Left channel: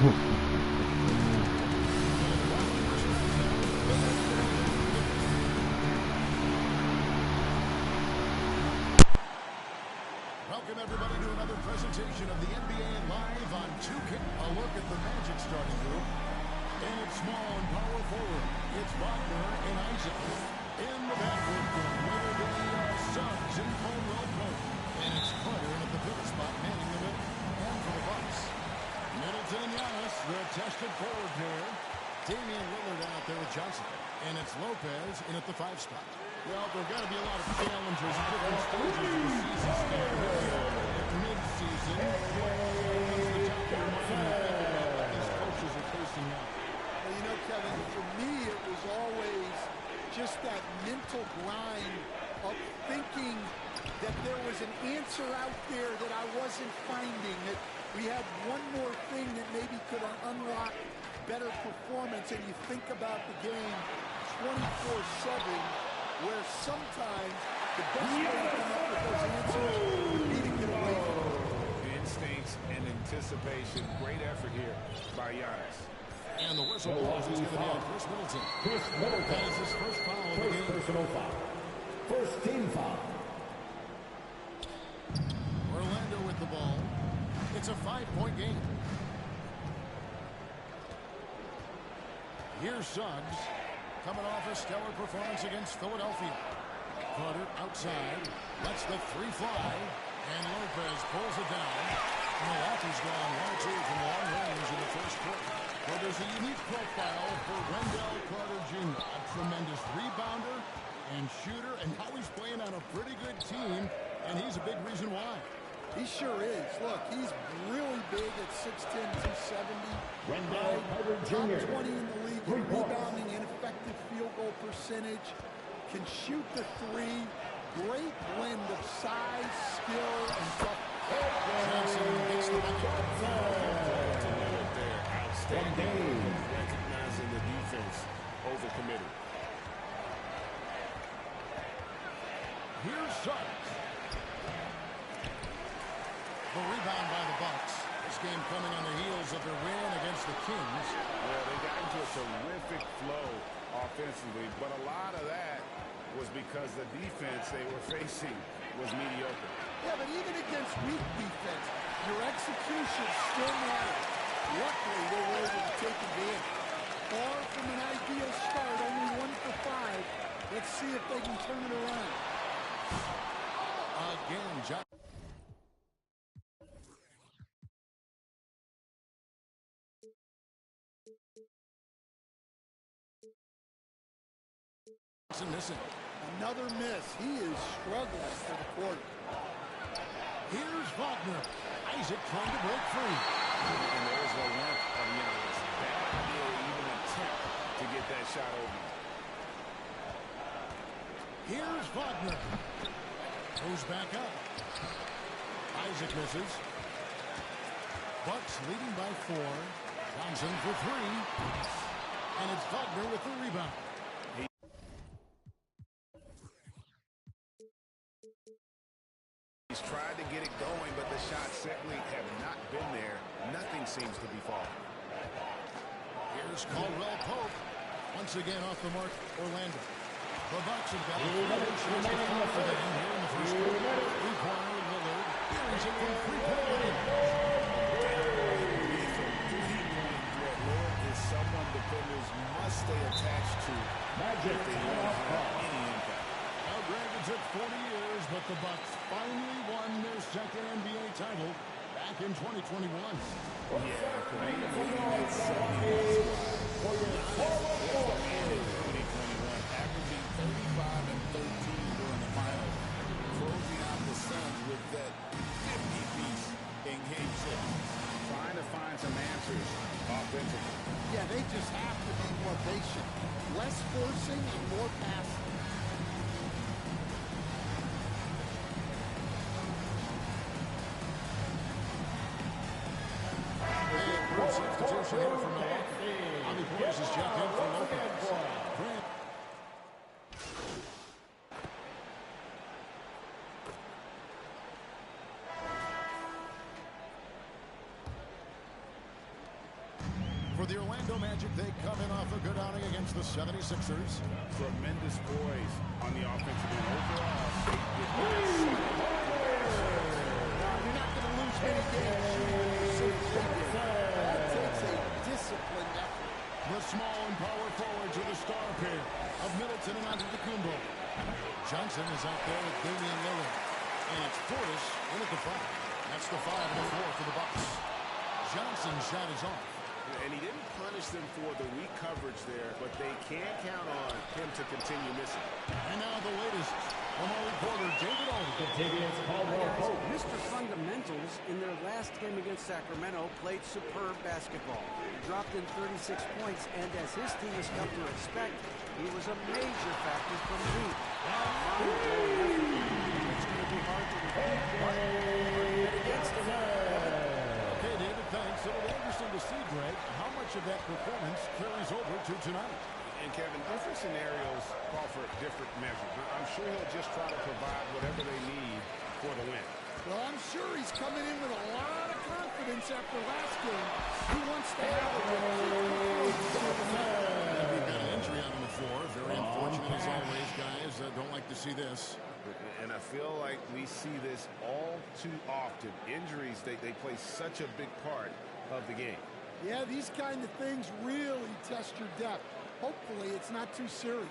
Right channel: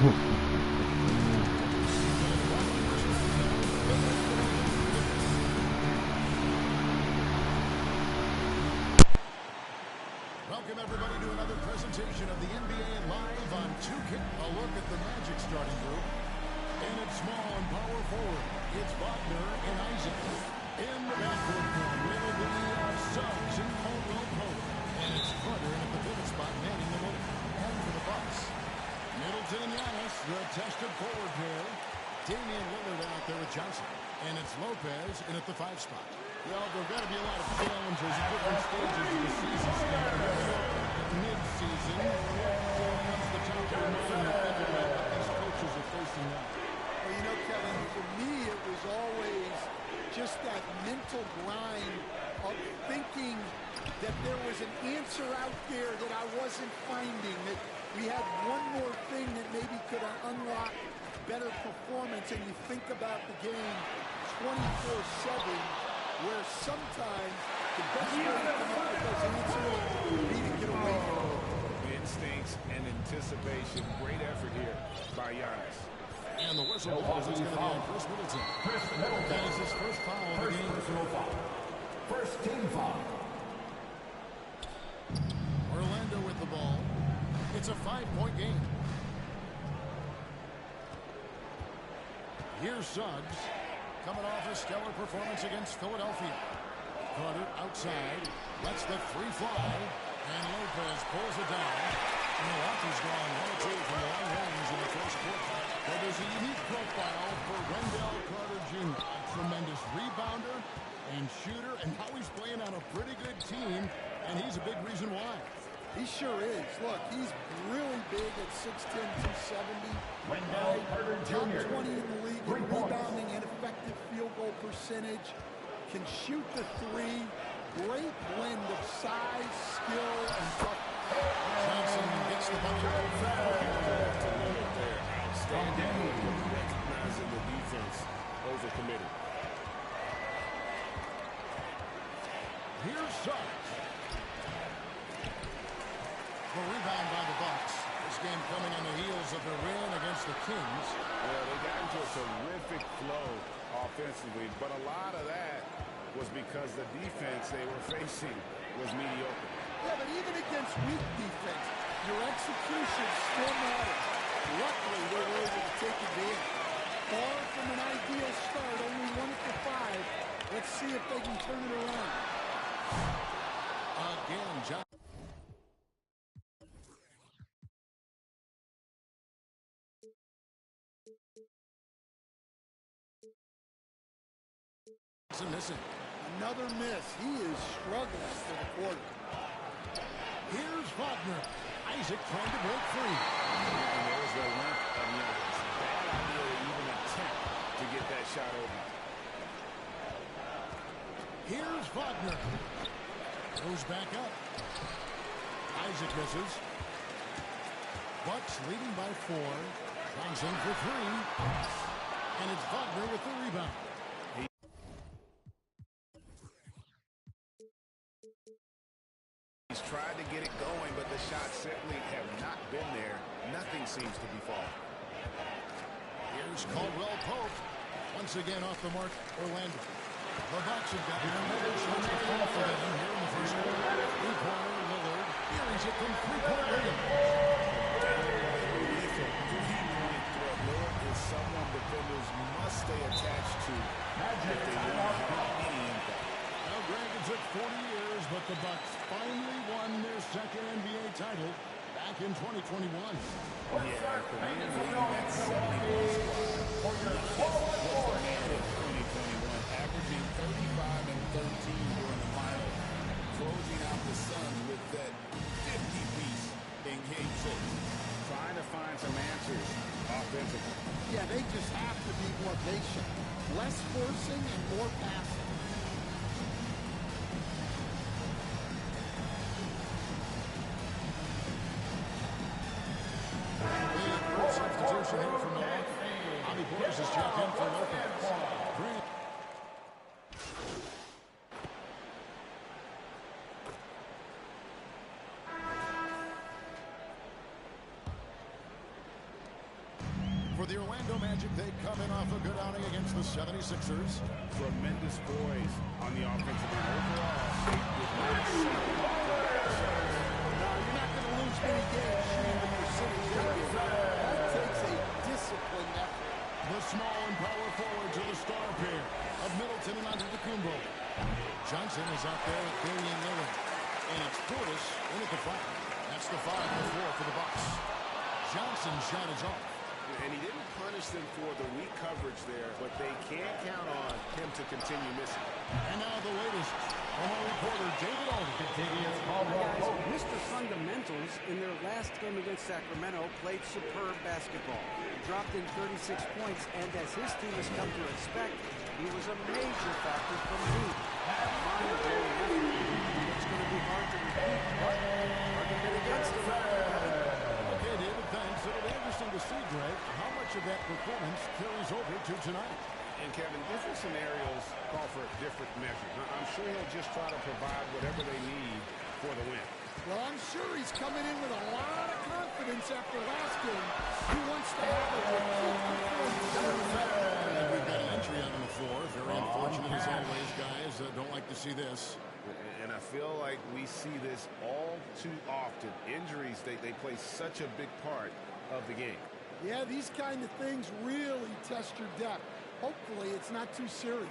Welcome, everybody, to another presentation of the NBA Live on 2K. A look at the Magic starting group. And it's small and power forward. It's Wagner and Isaac. In the backcourt form, it'll be Suggs and Caldwell Pope. And it's Carter in at the pivot spot, manning the middle. And for the Bucks, Middleton and Giannis, the tested forward pair. Damian Lillard out there with Johnson. And it's Lopez in at the 5 spot. Well, there have got to be a lot of challenges at different stages of the season, Steve. Here we are at mid-season. What comes to the top of your mind when you think about what these coaches are facing now? Well, you know, Kevin, for me, it was always just that mental grind of thinking that there was an answer out there that I wasn't finding, that we had one more thing that maybe could unlock better performance, and you think about the game 24/7, where sometimes the best way to come up with those answers would be to get away from them. Instincts and anticipation. Great effort here by Giannis. And the whistle blows. It's going to be on Chris Middleton. That is his first foul of the game. Personal foul. First team foul. Orlando with the ball. It's a 5-point game. Here's Suggs, coming off a stellar performance against Philadelphia. Carter outside, lets the 3 fly, and Lopez pulls it down. Milwaukee's gone 1-2 from long range in the first quarter. Well, there's a unique profile for Wendell Carter Jr. A tremendous rebounder and shooter, and now he's playing on a pretty good team, and he's a big reason why. He sure is. Look, he's really big at 6'10", 270. Wendell Carter Jr. Top 20 in the league in rebounding and effective field goal percentage. Can shoot the 3. Great blend of size, skill, and toughness. Johnson gets the bucket. To Lillard there. Outstanding work of recognizing the defense overcommitted. Here's Suggs. The rebound by the Bucks. This game coming on the heels of their win against the Kings. Well, they got into a terrific flow offensively, but a lot of that was because the defense they were facing was mediocre. Yeah, but even against weak defense, your execution still matters. Luckily, they were able to take advantage. Far from an ideal start, only 1 for 5. Let's see if they can turn it around. Again, Johnson missing. Another miss. He is struggling for the quarter. Here's Wagner. Isaac trying to break free. And there's the length of Giannis. Bad idea to even attempt to get that shot over. Here's Wagner. Goes back up. Isaac misses. Bucks leading by 4. Johnson for 3. And it's Wagner with the rebound. He's tried to get it going, but the shots simply have not been there. Nothing seems to be falling. Here's Caldwell Pope. Once again off the mark, Orlando. The Bucks have got another chance to fall for them here in the first quarter. 3-pointer, Lillard. Carries it from 3-point range. Downright lethal 3-point threat. Lillard is someone defenders must stay attached to if they want to have any impact. Now, Greg, it took 40 years, but the Bucks finally won their second NBA title back in 2021. Yeah, Kareem leading that 71 squad. Giannis was the man in 2021, averaging 35 and 13 during the finals, closing out the Suns with that 50-piece in Game 6. Trying to find some answers offensively. Yeah, they just have to be more patient. Less forcing and more passing. Substitution here for Milwaukee. Bobby Portis is checked in for Lopez. Grant. the Orlando Magic, they come in off a good outing against the 76ers. Tremendous poise on the offensive end. Overall, they did not settle for bad shots. No, you're not going to lose many games shooting the percentage they did. That takes a disciplined effort. The small and power forwards are the star pair of Middleton and Antetokounmpo. Johnson is out there with Damian Lillard. And it's Portis in at the 5. That's the 5 and the 4 for the Bucks. Johnson's shot is off. And he didn't punish them for the weak coverage there, but they can't count on him to continue missing. And now the latest from our reporter, David Aldridge. Contiguous Hi Caldwell guys, Pope. Mr. Fundamentals in their last game against Sacramento played superb basketball. He dropped in 36 points, and as his team has come to expect, he was a major factor from deep. A mind-blowing effort. It's going to be hard to repeat, but hard to bet against him. Okay, David, thanks. It'll be interesting to see, Greg, how much of that performance carries over to tonight. And Kevin, different scenarios call for different measures. I'm sure he'll just try to provide whatever they need for the win. Well, I'm sure he's coming in with a lot of confidence after last game. He wants to have a repeat performance. And we've got an injury out on the floor. Very unfortunate as always, guys. Don't like to see this. And I feel like we see this all too often. Injuries, they play such a big part of the game. Yeah, these kind of things really test your depth. Hopefully, it's not too serious.